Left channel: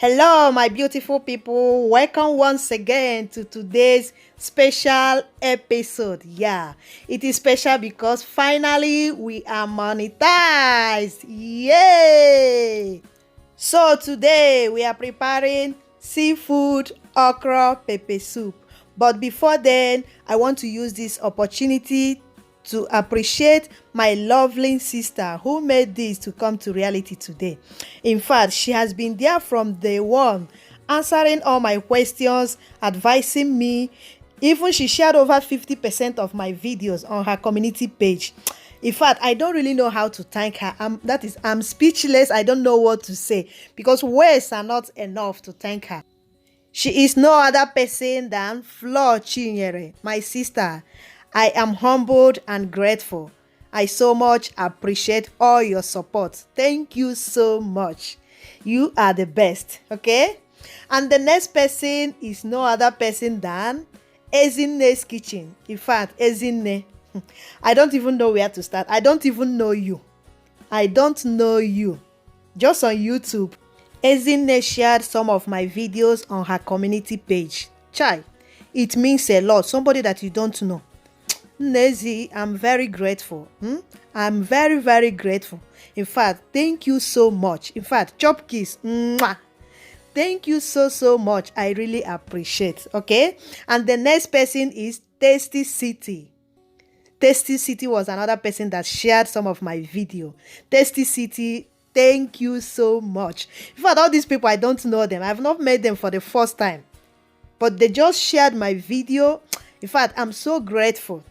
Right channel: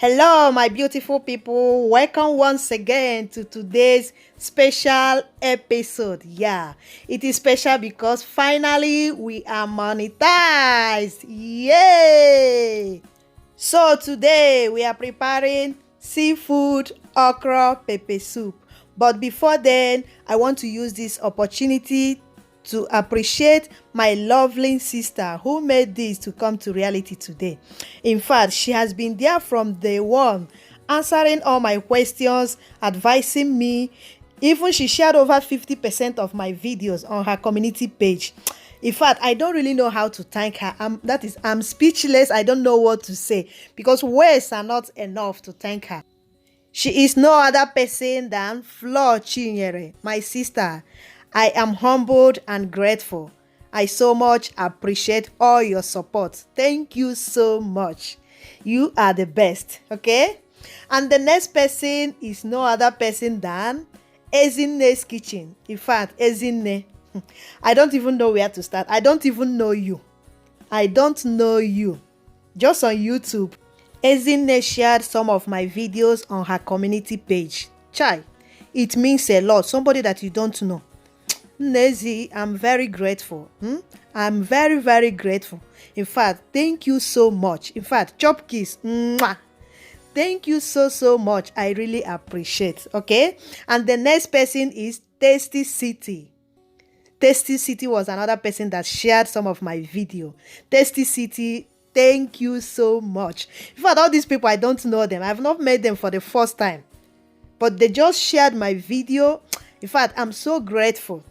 Hello, my beautiful people. Welcome once again to today's special episode. Yeah, it is special because finally we are monetized. Yay! So today we are preparing seafood okra pepper soup. But before then, I want to use this opportunity to appreciate my lovely sister who made this to come to reality today. In fact, she has been there from day one, answering all my questions, advising me. Even she shared over 50% of my videos on her community page. In fact, I don't really know how to thank her. I'm speechless. I don't know what to say because words are not enough to thank her. She is no other person than Flo Chinyere, my sister. I am humbled and grateful. I so much appreciate all your support. Thank you so much. You are the best, okay? And the next person is no other person than Ezinne's Kitchen. In fact, Ezinne, I don't even know where to start. I don't even know you. I don't know you. Just on YouTube. Ezinne shared some of my videos on her community page. Chai, it means a lot. Somebody that you don't know. Nezi, I'm very grateful. I'm very, very grateful. In fact, thank you so much. In fact, chop kiss. Mwah. Thank you so much. I really appreciate. Okay. And the next person is Tasty City. Tasty City was another person that shared some of my video. Tasty City, thank you so much. In fact, all these people, I don't know them. I've not met them for the first time. But they just shared my video. In fact, I'm so grateful.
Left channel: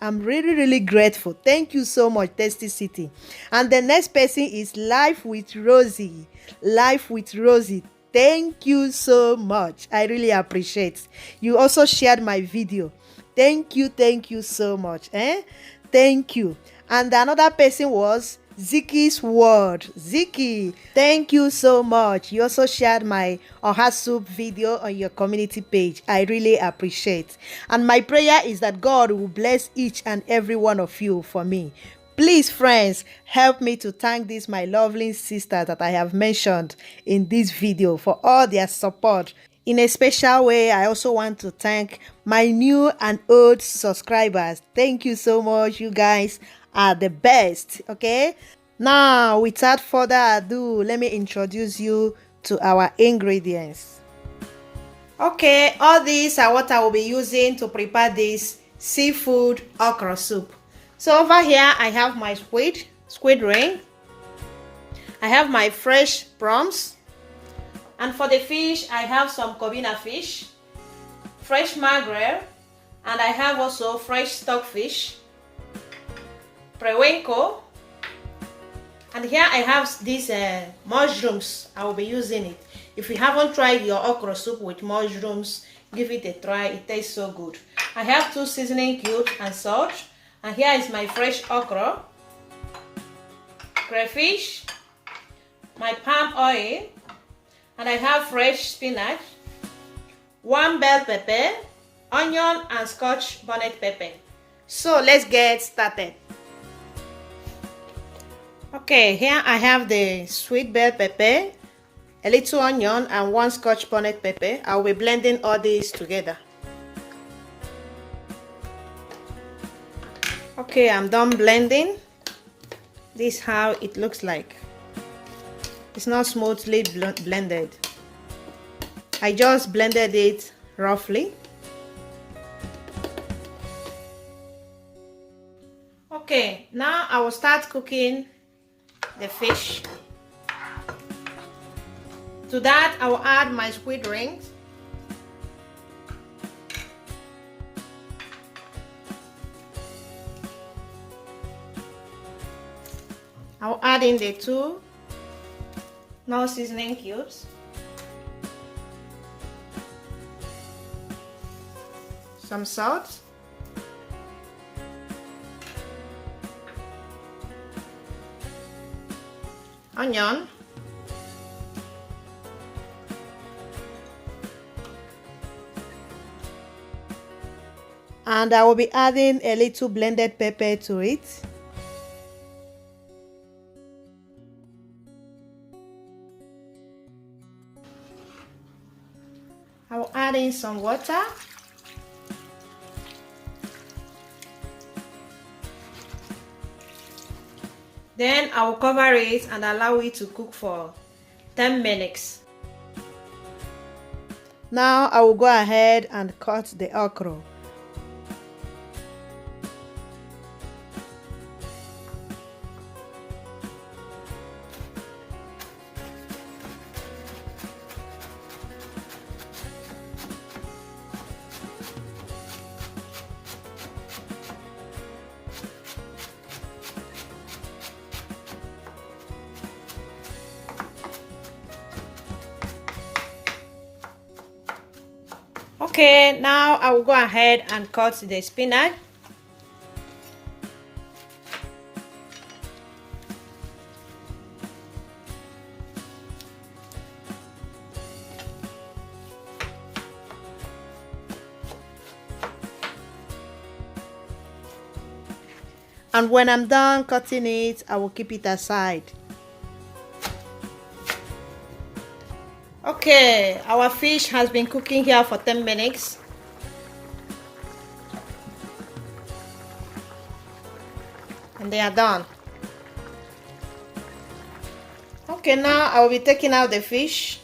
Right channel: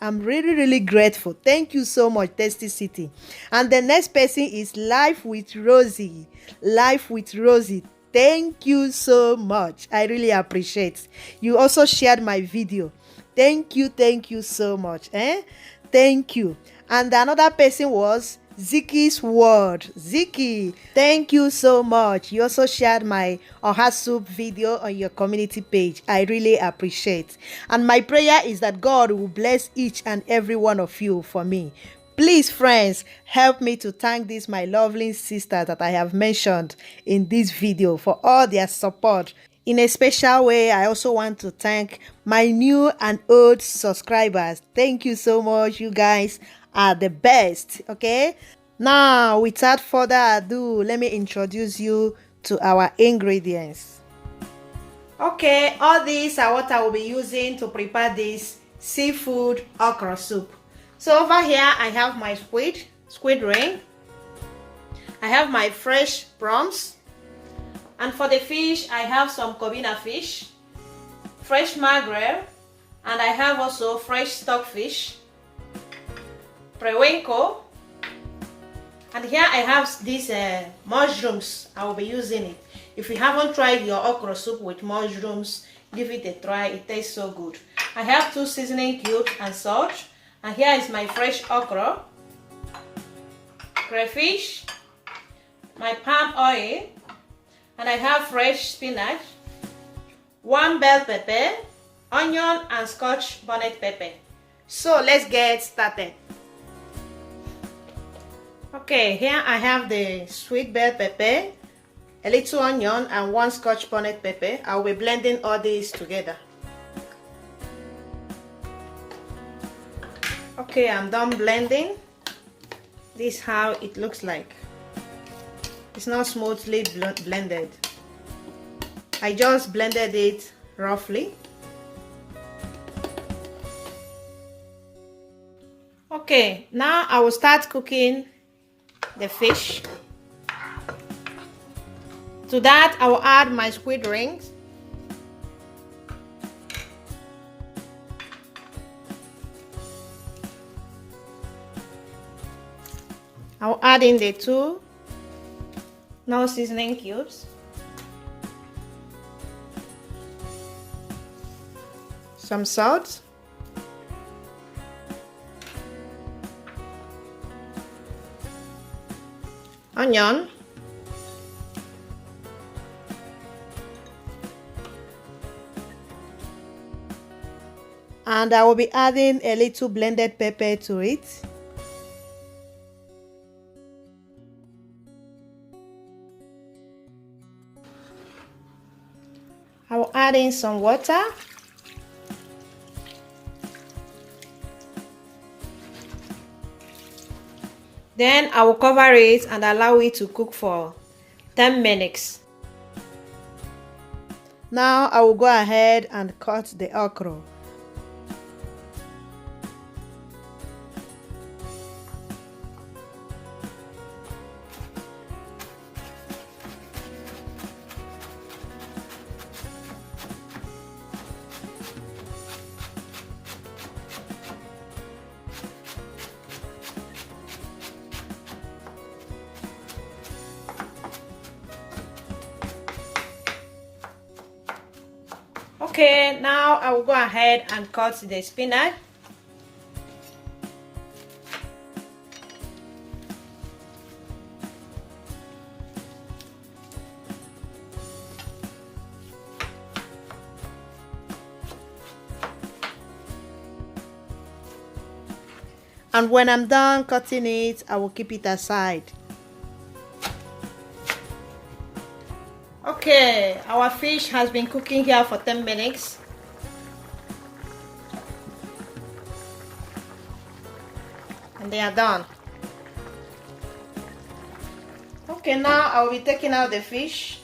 I'm really grateful. Thank you so much, Tasty City. And the next person is Life with Rosie. Life with Rosie. Thank you so much. I really appreciate. You also shared my video. Thank you so much. Thank you. And another person was Ziki's World. Ziki, thank you so much. You also shared my Oha Soup video on your community page. I really appreciate. And my prayer is that God will bless each and every one of you for me. Please, friends, help me to thank these my lovely sisters that I have mentioned in this video for all their support. In a special way, I also want to thank my new and old subscribers. Thank you so much. You guys are the best. Okay, now without further ado, let me introduce you to our ingredients. Okay, all these are what I will be using to prepare this seafood okra soup. So over here I have my squid ring. I have my fresh prawns. And for the fish, I have some Corvina fish, fresh mackerel, and I have also fresh stockfish, Periwinkles, and here I have these mushrooms. I will be using it. If you haven't tried your okra soup with mushrooms, give it a try. It tastes so good. I have 2 seasoning cubes and salt, and here is my fresh okra, crayfish, my palm oil, and I have fresh spinach, 1 bell pepper, onion, and scotch bonnet pepper. So let's get started. Okay, here I have the sweet bell pepper, a little onion, and 1 scotch bonnet pepper. I'll be blending all these together. Okay, I'm done blending. This is how it looks like. It's not smoothly blended. I just blended it roughly. Okay, now I will start cooking the fish. To that, I will add my squid rings. I will add in the 2 non-seasoning cubes, some salt, onion, and I will be adding a little blended pepper to it. I will add in some water. Then I will cover it and allow it to cook for 10 minutes. Now I will go ahead and cut the okra. Okay, now I will go ahead and cut the spinach. And when I'm done cutting it, I will keep it aside. Okay, our fish has been cooking here for 10 minutes. And they are done. Okay, now I will be taking out the fish.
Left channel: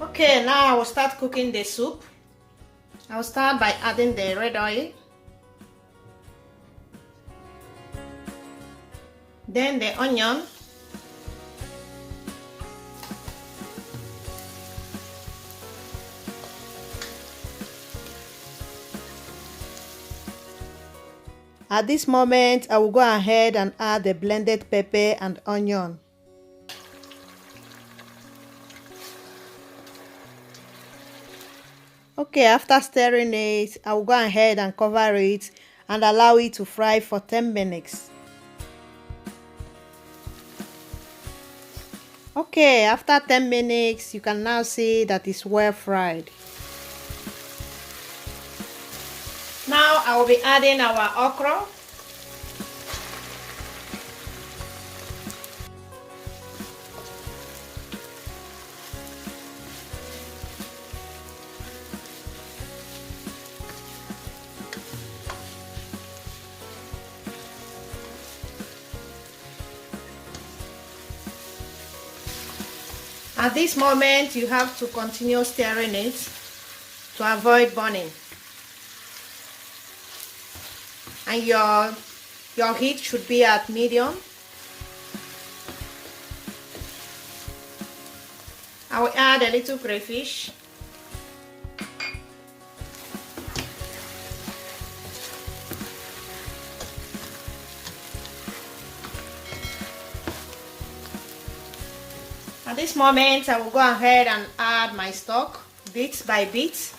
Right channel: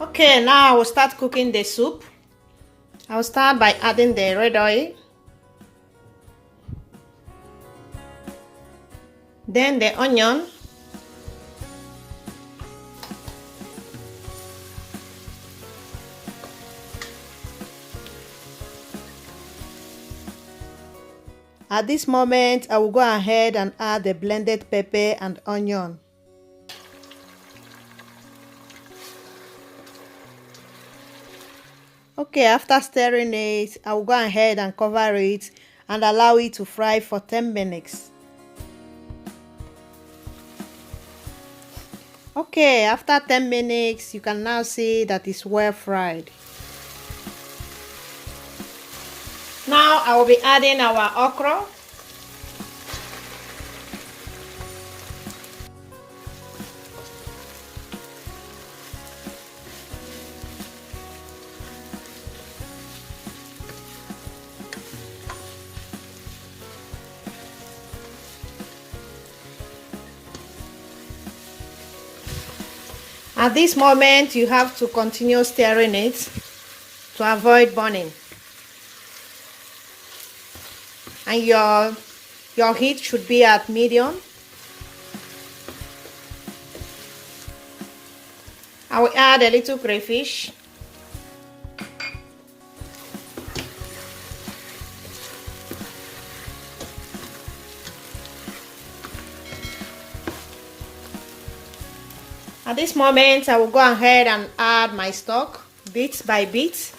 Okay, now I will start cooking the soup. I will start by adding the red oil, then the onion, at this moment I will go ahead and add the blended pepper and onion. Okay, after stirring it, I will go ahead and cover it and allow it to fry for 10 minutes. Okay, after 10 minutes, you can now see that it's well fried. Now I will be adding our okra. At this moment, you have to continue stirring it to avoid burning. And your heat should be at medium. I will add a little crayfish. At this moment, I will go ahead and add my stock bit by bit.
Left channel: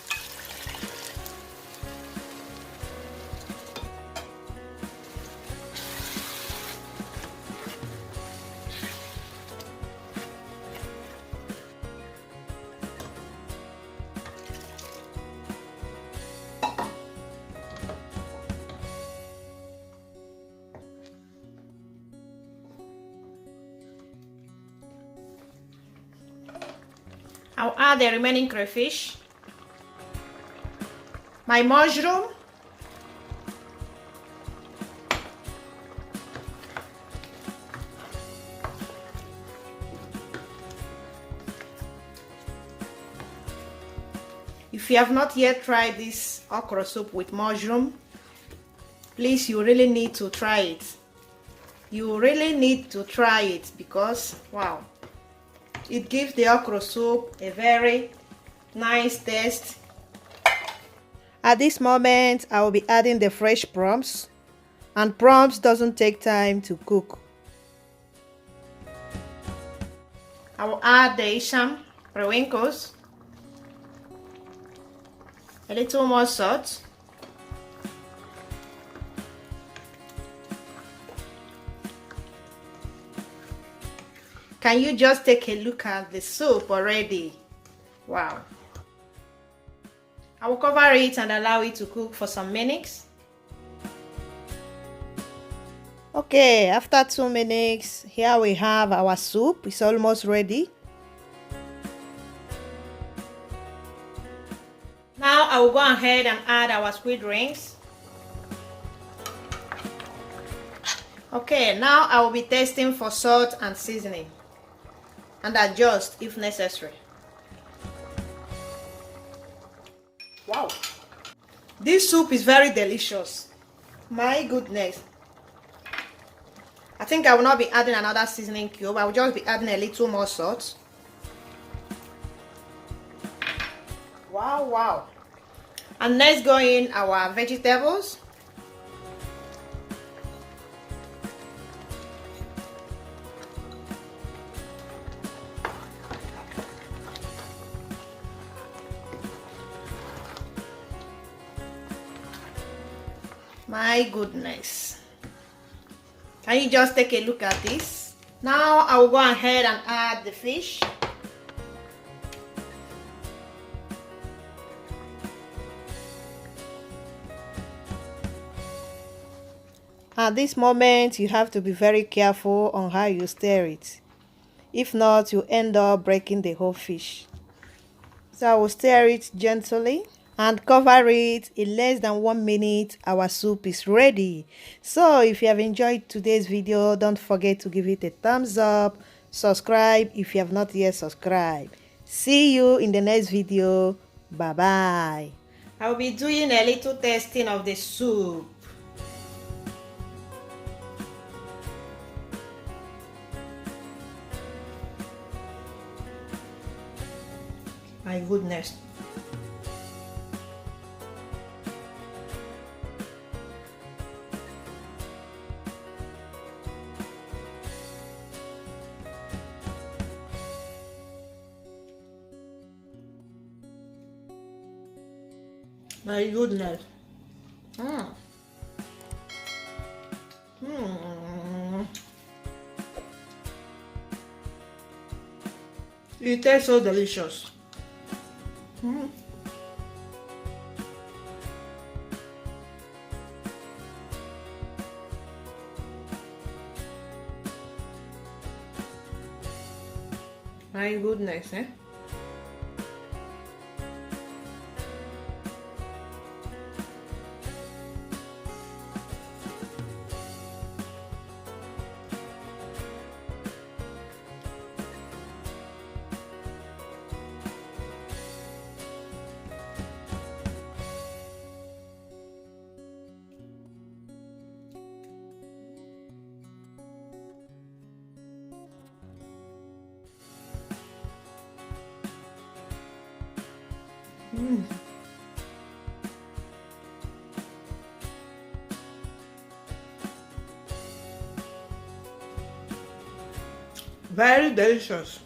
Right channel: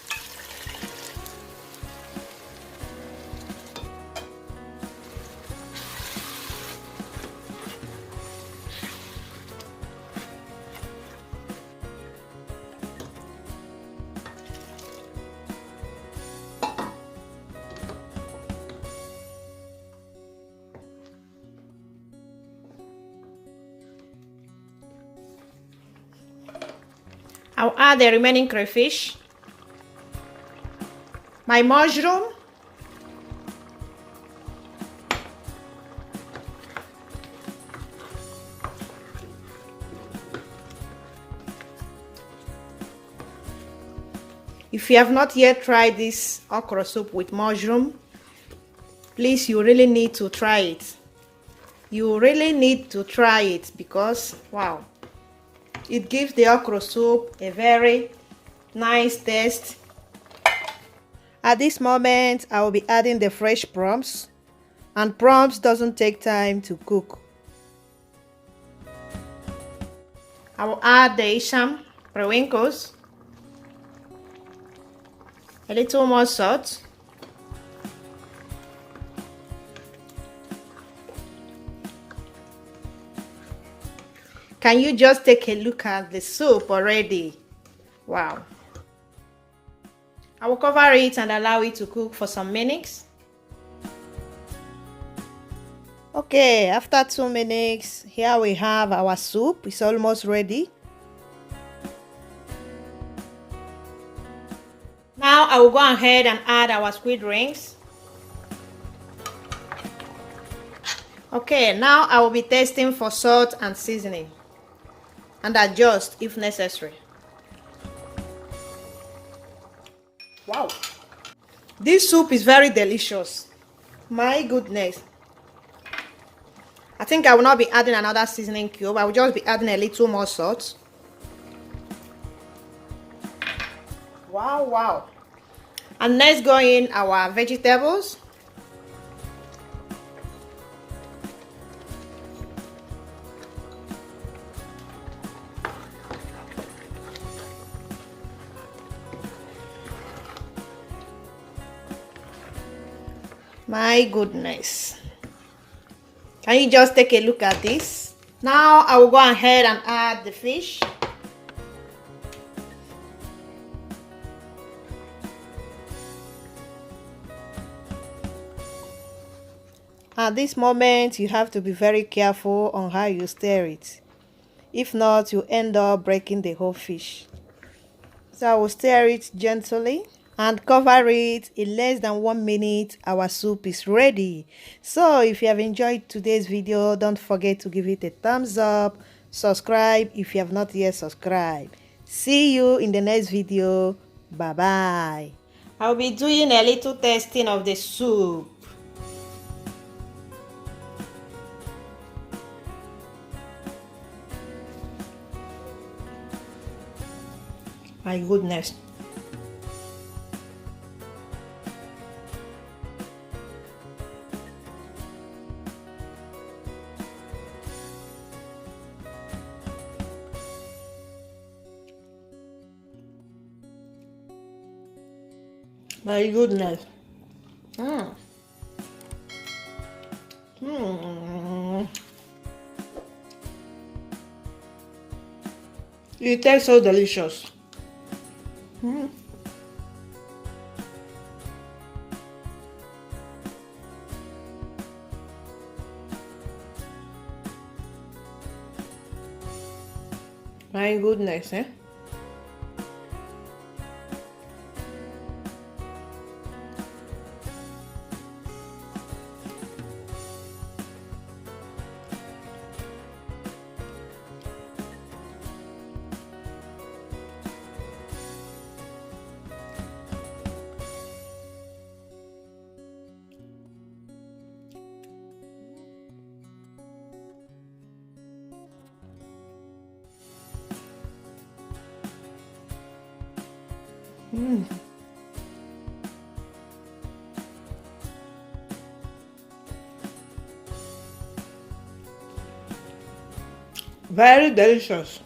I'll add the remaining crayfish, my mushroom, if you have not yet tried this okra soup with mushroom, please, you really need to try it. You really need to try it because, wow, it gives the okra soup a very nice taste. At this moment, I will be adding the fresh prawns, and prawns doesn't take time to cook. I will add the Periwinkles, A little more salt. Can you just take a look at the soup already? Wow. I will cover it and allow it to cook for some minutes. Okay, after 2 minutes, here we have our soup. It's almost ready. Now I will go ahead and add our squid rings. Okay, now I will be testing for salt and seasoning and adjust if necessary. Wow, this soup is very delicious. My goodness. I think I will not be adding another seasoning cube. I will just be adding a little more salt. Wow, wow. And let's go in our vegetables. My goodness. Can you just take a look at this? Now I will go ahead and add the fish. At this moment, you have to be very careful on how you stir it. If not, you end up breaking the whole fish. So I will stir it gently and cover it. In less than 1 minute, our soup is ready. So if you have enjoyed today's video, don't forget to give it a thumbs up. Subscribe if you have not yet subscribed. See you in the next video. Bye bye. I'll be doing a little tasting of the soup. My goodness. My goodness. It tastes so delicious. My goodness, eh? Very delicious.